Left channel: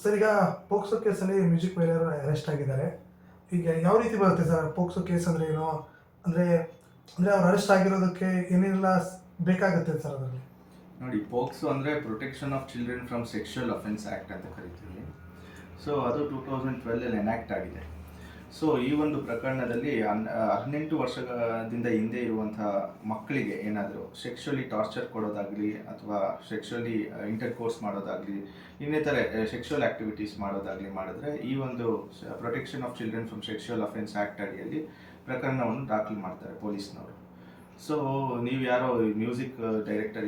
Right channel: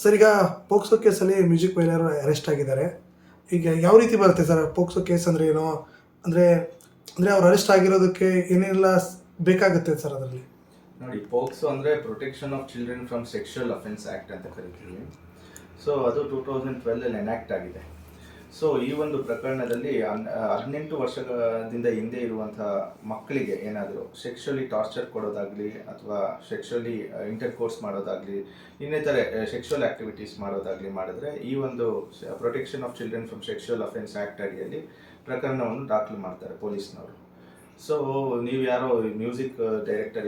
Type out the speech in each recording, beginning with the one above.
Sir ಈಗ POCSO ಕೇಸಲ್ಲಿ music ವೈಲರ್ arrest ಆಗಿದ್ದಾರೆ. ಈಗ ಯಾವ ರೀತಿ ಬರುತ್ತೆ ಸರ್ ಪೋಕ್ಸೋ ಕೇಸ್ ಅಂದರೆ ಏನು? ಅಂದರೆ ಅಂದರೆ ಅವ್ರು ಅರೆಸ್ಟ್ ಆಗಿರೋದಕ್ಕೆ ಏನೆಲ್ಲ ಬೇಕಾಗುತ್ತೆ ಸರ್ ಅದರಲ್ಲಿ? ನೋಡಿ, ಪೋಕ್ಸೋ ಅಂದರೆ protection of children from sexual offence act ಅಂತ ಕರಿತೀವಿ. ಸೊ ಅದು 2012 ಎನಾಕ್ಟ್ ಆಗಿದೆ. ಸೊ ಈ ಒಂದು ಪ್ರಕರಣದಲ್ಲಿ 18 ವರ್ಷದಿಂದ ಹಿಂದೆ ಇರುವಂಥ ಮಕ್ಕಳಿಗೆ ಏನಾದರೂ ಸೆಕ್ಷುವಲಿ ಟಾರ್ಚರ್ ಕೊಡೋದಾಗಲಿ ಅಥವಾ ಸೆಕ್ಷುವಲಿ ಇಂಟರ್ಕೋರ್ಸ್ ಮಾಡೋದಾಗಲಿ ಇನ್ನಿತರೆ ಸೆಕ್ಷುವಲ್ ಆ್ಯಕ್ಟಿವಿಟೀಸ್ ಮಾಡೋದಾಗಲಿ ಮಾಡಿದ್ರೆ ಈ ಒಂದು protection of children from sexual offence act ಅಡಿಯಲ್ಲಿ ಪ್ರಕರಣವನ್ನು ದಾಖಲು ಮಾಡ್ತಾರೆ ಪೊಲೀಸ್ನವರು. ಸೊ ನೀವು ಯಾರೋ ಮ್ಯೂಸಿಕ್ ಡೈರೆಕ್ಟರ್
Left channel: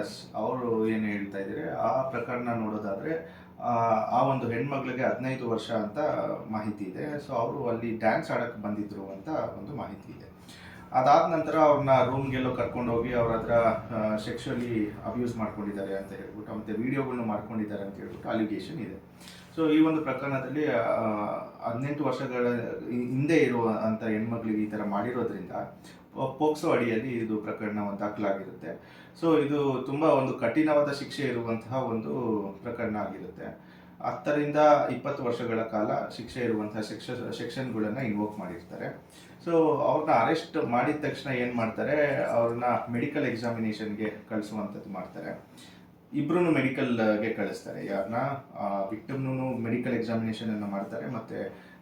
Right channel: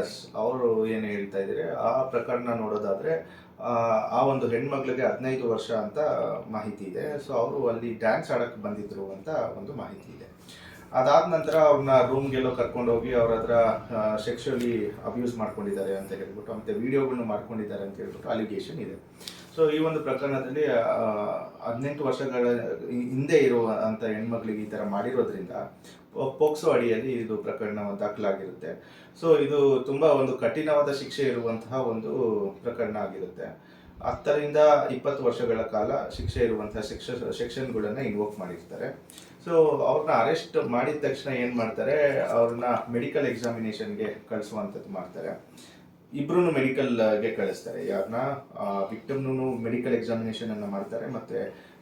ಎಸ್ ಅವರು ಏನು ಹೇಳ್ತಾ ಇದ್ದೀರಿ, ಆ ಪ್ರಕರಣ ನೋಡೋದಾದರೆ ಆ ಒಂದು ಹೆಣ್ಮಕ್ಳಿಗೆ 15 ವರ್ಷ ಅಂತ ಮಾಹಿತಿ ಇದೆ. ಸೊ ಅವರು ಅಲ್ಲಿ ಡ್ಯಾನ್ಸ್ ಆಡೋಕ್ಕೆ ಬಂದಿದ್ರು ಅಂತ ಒಂದು ಮಾಹಿತಿ ಇದೆ. ಅದಾದ ನಂತರ ಅವ್ರನ್ನ ರೂಮ್ಗೆಲ್ಲೋ ಕರ್ಕೊಂಡೋಗಿ ಅವ್ರ ಹತ್ರ ಸೆಕ್ಷುವಲಿ ಅಬ್ಯೂಸ್ ಮಾಡ್ಕೊಂಡಿದ್ದಾರೆ ಅಂತ ಹೇಳ್ಬಿಟ್ಟು ಮತ್ತು ವೀಡಿಯೋಗಳನ್ನ ಮಾಡ್ಕೊಂಡಿದ್ದಾರೆ ಅಂತ ಹೇಳ್ಬಿಟ್ಟು ಅಲಿಗೇಷನ್ ಇದೆ. ಸೊ ಈ ಒಂದು ಪ್ರಕರಣದಲ್ಲಿ 18 ವರ್ಷಗಳ ಹಿಂದೆ ಇರುವಂಥ ಹೆಣ್ಮಕ್ಳಿಗೆ ಈ ಥರ ಮಾಡಿರೋದ್ರಿಂದ ಪೋಕ್ಸೋ ಅಡಿಯಲ್ಲಿ ಇದು ಪ್ರಕರಣ ದಾಖಲಾಗಿರುತ್ತೆ. ಸೊ ಇದು ತುಂಬ ಒಂದು ಕಠಿಣವಾದ ಶಿಕ್ಷೆ ಇರುವಂತಹ ಒಂದು ಪ್ರಕರಣ ಆಗಿರುತ್ತೆ. 10 ರಿಂದ 20 ವರ್ಷಗಳ ಕಾಲ ಶಿಕ್ಷೆ ಇರುವಂತಹ ಸೆಕ್ಷನ್ಗಳನ್ನು ಇನ್ವೋಕ್ ಮಾಡಿರ್ತಾರೆ. ಸೊ ಅವ್ರನ್ನ ಅರೆಸ್ಟ್ ಮಾಡಿದ ತಕ್ಷಣ ಏನು ಮಾಡ್ತಾರೆ, ಅವ್ರನ್ನ ಮೆಡಿಕಲ್ ಎಕ್ಸಾಮಿನೇಷನ್ಗೆ ಕಳಿಸುವಂಥದ್ದು ಮಾಡ್ತಾರೆ. ಇಬ್ಬರೂ ಮೆಡಿಕಲ್ಗೆ ಕಳಿಸ್ತಾರೆ. ಯಾರನ್ನ ವಿಕ್ಟಮ್ನೂ ಮೆಡಿಕಲ್ ಎಕ್ಸಾಮಿನೇಷನನ್ನು ಮಾಡ್ತಾರೆ ಮತ್ತು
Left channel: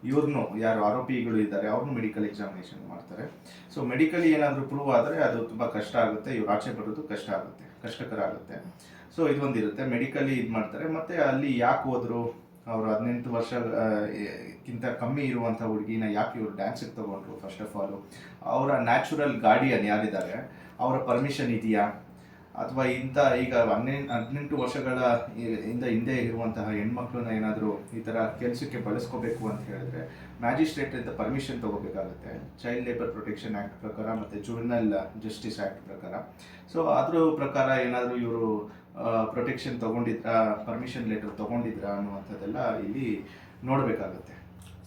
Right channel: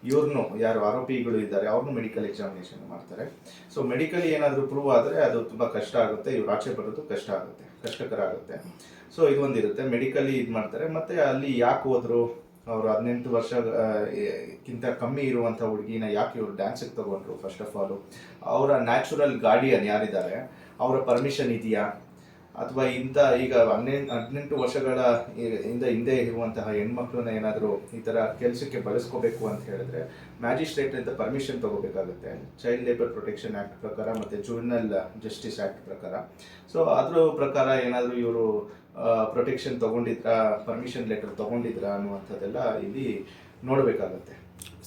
ಇವ್ರನ್ನೂ ಯಾರು ಆರೋಪಿಗಳು ಇದ್ದಾರೆ ಅವ್ರನ್ನೂ ಮೆಡಿಕಲ್ ಎಕ್ಸಾಮಿನೇಷನ್ ಮಾಡ್ತಾರೆ. ಸೊ ಮೆಡಿಕಲಿ ಏನಾದರೂ ಪ್ರೂವ್ ಆದರೆ ಅದು ತುಂಬ ಕಷ್ಟ ಆಗುತ್ತೆ, ಇವ್ರು ಆಚೆ ಬರೋದು ಕಷ್ಟಕರ ಆಗುತ್ತೆ. ಸೊ ಇದೊಂದಿರುತ್ತೆ, ಮೆಡಿಕಲಿ ಇದು ಮಾಡ್ತಾರೆ. ಮತ್ತು ಅಲ್ಲಿ ಯಾಕೆ ಹೋದ್ರು, ಅವರು 18 ವರ್ಷಕ್ಕಿಂತ ಕಮ್ಮಿ ಇರುವಂಥ ಹುಡುಗಿನ ಯಾಕೆ ಇವರು ಡ್ಯಾನ್ಸಿಗೆ ತೊಗೊಂಡ್ರು, ಫಸ್ಟ್ ಆಫ್ ಆಲು ಅವರ ನ್ಯಾಚುರಲ್ ಗಾರ್ಡಿಯನ್ ಯಾರಿದ್ದಾರೆ ಅವರ ಪರ್ಮಿಷನ್ ಇದೆಯಾ, ಅಥವಾ ಈಗ 18 ವರ್ಷಗಳ ಹಿಂದೆ ಇರುವಂತಹ ಹೆಣ್ಮಕ್ಳನ್ನ ಏನಾದರೂ ಈ ಥರ ಕೆಲಸಕ್ಕೆ ಬಳಸ್ಕೋಬೇಕು ಅಂತ ಹೇಳಿದ್ರೆ ಮ್ಯಾಜಿಸ್ಟ್ರೇಟಿಂದ ಪರ್ಮಿಷನ್ ತೊಗೋಬೇಕಾಗುತ್ತೆ, ಚೈಲ್ಡ್ ಲೇಬರ್ ಪ್ರೊಟೆಕ್ಷನ್ ಆ್ಯಕ್ಟ್ ಪ್ರಕಾರ ಮತ್ತು ಜುವೆನಲ್ ಜಸ್ಟಿಸ್ ಆ್ಯಕ್ಟ್ ಪ್ರಕಾರ. ಸೊ ಅದ್ರ ಪ್ರಕಾರ ಏನಾದರೂ ಇವರು ಪ್ರೊಟೆಕ್ಷನ್ ತೊಗೊಂಡಿದ್ರಾ, ಪರ್ಮಿಷನ್ ಲೆಟರ್ ತೊಗೊಂಡಿದ್ರಾ ಅನ್ನುವಂಥದ್ದೆಲ್ಲ ಇಲ್ಲಿ ನೋಡಬೇಕಾಗತ್ತೆ.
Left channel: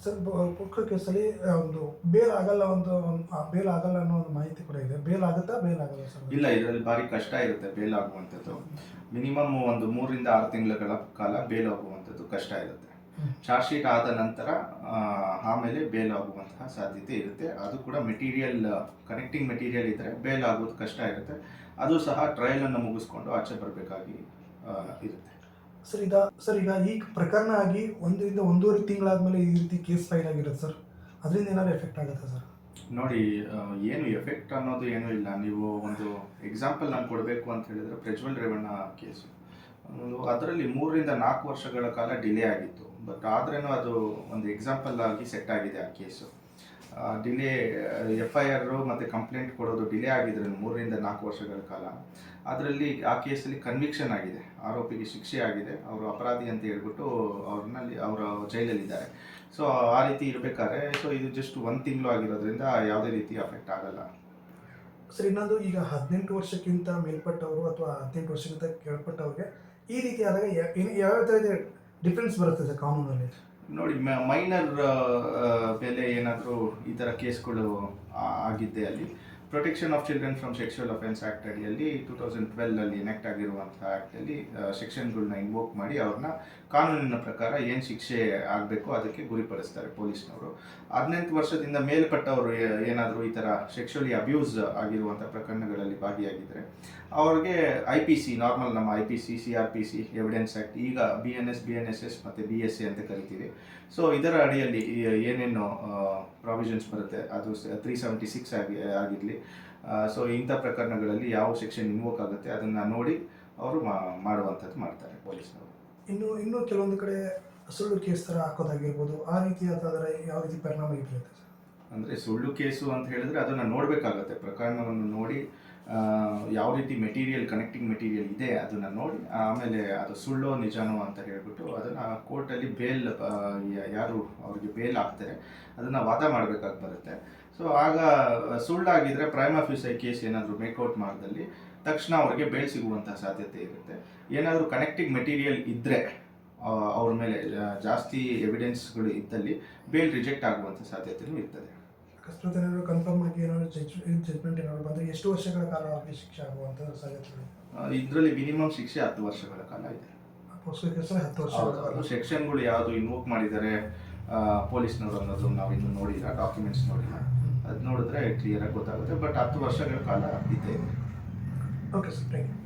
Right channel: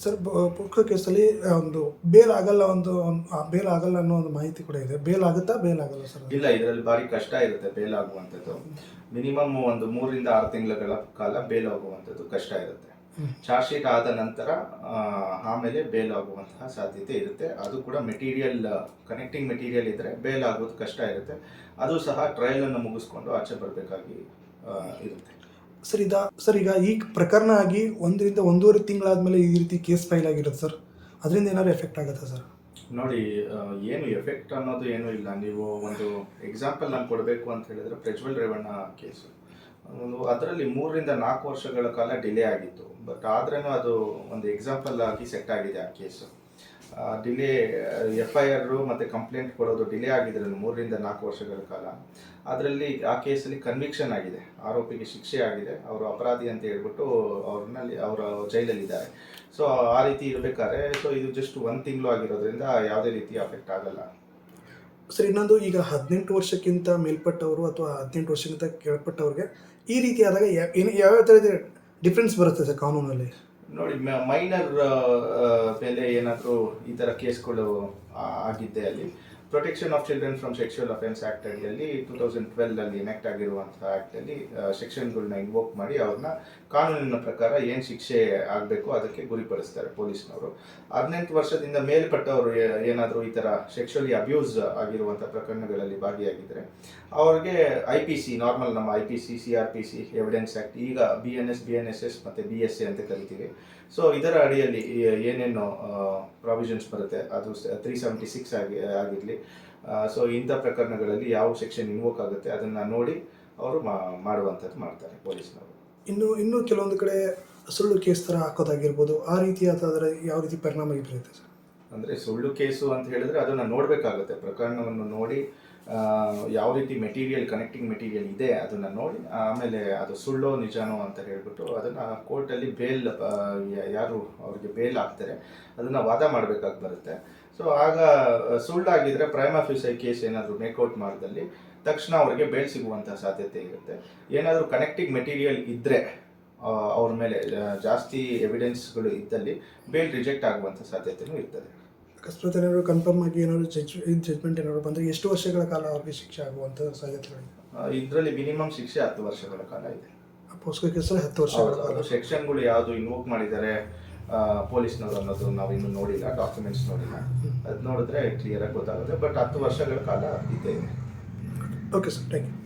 ಸರ್ ಪೋಕ್ಸೋ ಕೇಸಲ್ಲಿ ಒಂದು ಬೇಲ್ ಆಗಲ್ಲ ಅನ್ನೋ ಒಂದು ಮಾಹಿತಿ ಕೂಡ ಇದೆ. ಬೇಲ್ ಆಗುತ್ತಾ, ಬೇಲ್ ಆಗಲ್ಲ ಸರ್? ಇಲ್ಲ, ಇದರಲ್ಲಿ ಭಾರಿ ಕಷ್ಟ ಇರುತ್ತೆ ಬೇಲ್ ಆಗುವಂಥದ್ದು. ಮಿನಿಮಮ್ ಒಂದು 3 ರಿಂದ 6 ತಿಂಗಳ ಕಾಲ ಬೇಲ್ ಆಗುವಂಥದ್ದು ಕಷ್ಟ ಇರುತ್ತೆ. ಚಾರ್ಜ್ ಶೀಟ್ ಆದ ನಂತರ ಆಮೇಲೆ ಬೇಲ್ ಆಗುವಂತಹ ಸಾಧ್ಯತೆ ಇರುತ್ತೆ. ಅದು ಕೂಡ ಕನೆಕ್ಟಿಂಗ್ ಮೆಟೀರಿಯಲ್ ಇದ್ದರೆ ಬೇಲ್ ಆಗೋದು ಕಷ್ಟ ಇರುತ್ತೆ. ಅದು ಸಹ ಟ್ರಯಲನ್ನು ಮುಗಿಸ್ಕೊಂಡು ಆಚೆ ಬರಬೇಕಾಗಿ ಇರುತ್ತೆ. ಸರ್ ಈಗ ಈ ಪ್ರಕರಣ ಆಗಿ 1 ರಿಂದ 1.5 ತಿಂಗಳಾದ್ಮೇಲೆ ಈ ರೀತಿ ಕೇಸ್ ಫೈಲ್ ಆಗಿರುತ್ತೆ ಸರ್, ಅದರಿಂದ ಏನಾದ್ರು ಎಫೆಕ್ಟ್ ಆಗುತ್ತೆ ಸರ್? ನೋಡಿ, ಏನು ಎಫೆಕ್ಟ್ ಅನ್ನೋದು ಏನೂ ಇಲ್ಲ. ನೀವು ಒಂದು ಎಕ್ಸಾಂಪಲ್ ನಾನು ಕೊಡಬೇಕು ಅಂತ ಹೇಳಿದರೆ ಪ್ರಜ್ವಲ್ ರೇವಣ್ಣ ಕೇಸು, ಅದರಲ್ಲಿ 3 ರಿಂದ 4 ವರ್ಷಗಳ ಕಾಲ ಡಿಲೇ ಆಗಿತ್ತು. ಬಟ್ ಆದ್ರೂ ಅದು ಒಂದು ಎಕ್ಸಾಂಪಲ್ ಆಗಿ ಸೆಟ್ ಆಗಿದೆ ಆ ಕೇಸು. ಡಿಲೇ FIR ಮತ್ತು ಕಂಪ್ಲೇಂಟ್ ಕೊಡೋದು ಡಿಲೇ ಆಗಿದ್ರೆ 3 ರಿಂದ 4 ವರ್ಷಗಳ ಕಾಲ. ಅದರಲ್ಲಿ ಆ ಕೇಸಲ್ಲಿ ಕನ್ವಿಕ್ಷನ್ ಆಗಿದೆ, ಆರೋಪಿಗೆ ಶಿಕ್ಷೆ ಆಗಿದೆ, ಅವರು ಅಪರಾಧಿ ಅಂತ ಹೇಳ್ಬಿಟ್ಟು ಅವರ ಜೈಲಲ್ಲಿದ್ದಾರೆ. ಸೊ ಆ ರೀತಿ ಇರಬೇಕಾದ್ರೆ ಸೊ ಇದು ಜಸ್ಟ್ 1 ತಿಂಗಳು ಆಗಿರೋದ್ರಿಂದ ಯಾವುದೇ ರೀತಿ ಅಫೆಕ್ಟ್ ಆಗಲ್ಲ. ಸರ್ ಇನ್ನೊಂದು, ಈಗ 18 ವರ್ಷಕ್ಕಿಂತ ಮೇಲ್ಪಟ್ಟವರು ಅಥವಾ 18 ವರ್ಷಕ್ಕಿಂತ ಕೆಳಪಟ್ಟವ್ರಿಗೆ ಈ ರೀತಿ ಆದಾಗ ಯಾವ ಥರದ ಡಿಫ್ರೆನ್ಸ್ ಬರುತ್ತೆ ಸರ್ ಕಾನೂನಲ್ಲಿ? ನೋಡಿ, ಮೈನರ್ ಮೇಲೆ ಏನಾದರೂ ಈ ಥರ ಕೇಸ್ಗಳು ಆಗಿದ್ದೆ ಅಲ್ಲಿ protection of children from sexual offence act ಅಡಿಯಲ್ಲಿ 2012 ಎನಾಕ್ಟ್ ಆಗಿರುವಂಥ ಆ್ಯಕ್ಟಲ್ಲಿ ಸೆಕ್ಷನ್ಗಳನ್ನ ಇನ್ವೋಕ್ ಮಾಡಿ ಅವ್ರನ್ನ ಕಾನೂನಿನ ಪ್ರಕಾರ ಏನು ಶಿಕ್ಷೆ ಆಗಬೇಕು ಅದಕ್ಕೆ ಗುರಿಪಡಿಸ್ತಾರೆ ಪೊಲೀಸ್ನವರು. 18 ವರ್ಷದಿಂದ ಮೇಲ್ಪಟ್ಟವರು ಏನಾದರೂ ಈ ಥರ ಸೆಕ್ಷುವಲಿ ಅಬ್ಯೂಸ್ ಆಗಿರುವಂಥ ಪ್ರಕರಣಗಳಲ್ಲಿ ಭಾಗಿಯಾಗಿದ್ದರೆ ಅವ್ರಿಗೆ IPC, ನಾರ್ಮಲ್ ನಮ್ಮ IPC, CRPC, ಎವಿಡೆನ್ಸ್ ಆ್ಯಕ್ಟ್, ಈಗ BNSS ಮತ್ತು BSA ಅಂತ ಕರಿತೀವಿ. ಸೊ ಇದರ ಅಡಿಯಲ್ಲಿ ಏನೇನು ಪ್ರಾವಿಷನ್ಸ್ ಬರುತ್ತೆ, ಅದು 376 ಆಗಿರಲಿ. ಸೊ ಇಂಥ ಪ್ರಕರಣಗಳಲ್ಲಿ ಯಾವ ಸೆಕ್ಷನ್ ಇನ್ವೋಕ್ ಆಗುತ್ತೆ ಅದನ್ನು ನೋಡಿ ಅವರು ಮಾಡುವಂಥದ್ದು ಮಾಡ್ತಾರೆ ಪೊಲೀಸ್ನವರು. ಇನ್ನು ಕೆಲವೊಂದು ಕಡೆ ಸುಳ್ಳು ಕೇಸ್ ಥರ ಹಾಕೋದಾಗಿರ್ಬೋದು, ಆ ರೀತಿಯಾದರೆ ಯಾವ ರೀತಿ ಪರಿಣಾಮ ಬೀರುತ್ತೆ ಸರ್? ಅಂದರೆ ಸುಳ್ಳು ಕೇಸು ಅಂತ ಹೇಳಿದ್ರೆ ಅದನ್ನು ನೋಡಬೇಕಾಗುತ್ತೆ, ಪ್ರಕರಣವನ್ನು ನೋಡಿ ಯಾವ ರೀತಿ ಕನೆಕ್ಟಿಂಗ್ ಮೆಟೀರಿಯಲ್ ಇದೆ ಅದನ್ನು ನೋಡಿ ಆಮೇಲೆ ಅದು ಸುಳ್ಳೋ ನಿಜಾನೋ ಅಂತ ಹೇಳಿಬಿಟ್ಟು ಅದನ್ನು ಕೋರ್ಟಲ್ಲಿ ಯಾರು ಅವ್ರಿಗೆ ಬೇಲ್ ಆಗ್ತಾರೆ ಅದನ್ನು ವಾದ ಮಾಡಬೇಕಾಗಿ ಬರುತ್ತೆ. ಸೊ ಆಗ ಸುಳ್ಳಾಗಿದ್ದರೆ ಪ್ರೈಮಾ ಫೇಸಿ ಕೇಸ್ ಏನಾದರೂ ಮೇಕೌಟ್ ಮಾಡಿದಲ್ಲಿ ತಕ್ಷಣ ಅವ್ರಿಗೆ ಬೇಲ್ ಸಿಗುವಂಥ ಸಾಧ್ಯತೆ ಇರುತ್ತೆ. ಏನಾದರೂ ಕನೆಕ್ಟಿಂಗ್ ಮೆಟೀರಿಯಲ್ ಇದ್ದರೆ ಅವ್ರ ಮೇಲೆ ಜಾಸ್ತಿ ಎವಿಡೆನ್ಸ್ಗಳು ಇದ್ದಲ್ಲಿ ಬೇಲ್ ರಿಜೆಕ್ಟ್ ಆಗುವಂಥ ಸಾಧ್ಯತೆಯೂ ಇರ್ತದೆ. ಅಕಸ್ಮಾತ್ ಏನಾದರೂ ಕನ್ಫರ್ಮ್ ಆಗಿ ಏನಾದರೂ ಜಜ್ಮೆಂಟ್ ಏನಾದರೂ ಬಂದರೆ ಎಷ್ಟು ವರ್ಷಗಳ ಕಾಲ ಅವ್ರಿಗೆ ಶಿಕ್ಷೆ ಆಗುವಂಥ ಸಾಧ್ಯತೆಗಳು? ಇದರಲ್ಲಿ ಮಿನಿಮಮ್ ಶಿಕ್ಷೆ 10 ವರ್ಷಗಳ ಕಾಲ ಇದೆ. ಪೋಸ್ಕೋ ಕೇಸಲ್ಲಿ 10 ವರ್ಷ. ಹೌದು ಅದು ಸೆಕ್ಷನ್ಗಳು ಯಾವುದು ಇನ್ವೋಕ್ ಮಾಡಿದ್ದಾರೆ ಪೊಲೀಸ್ನವರು ಅನ್ನೋದು ನಾವು ಇನ್ನೂ ನೋಡಿಲ್ಲ, ಡಾಕ್ಯುಮೆಂಟ್ಸ್ ನೋಡಿಲ್ಲ. ಅದು ನೋಡಿದ್ರೆ ಕ್ಲಿಯರಾಗಿ ಗೊತ್ತಾಗುತ್ತೆ. ಬಟ್ 10 ವರ್ಷಗಳ ಕಾಲ ಇದ್ದೇ ಇದೆ. Okay sir, thank you.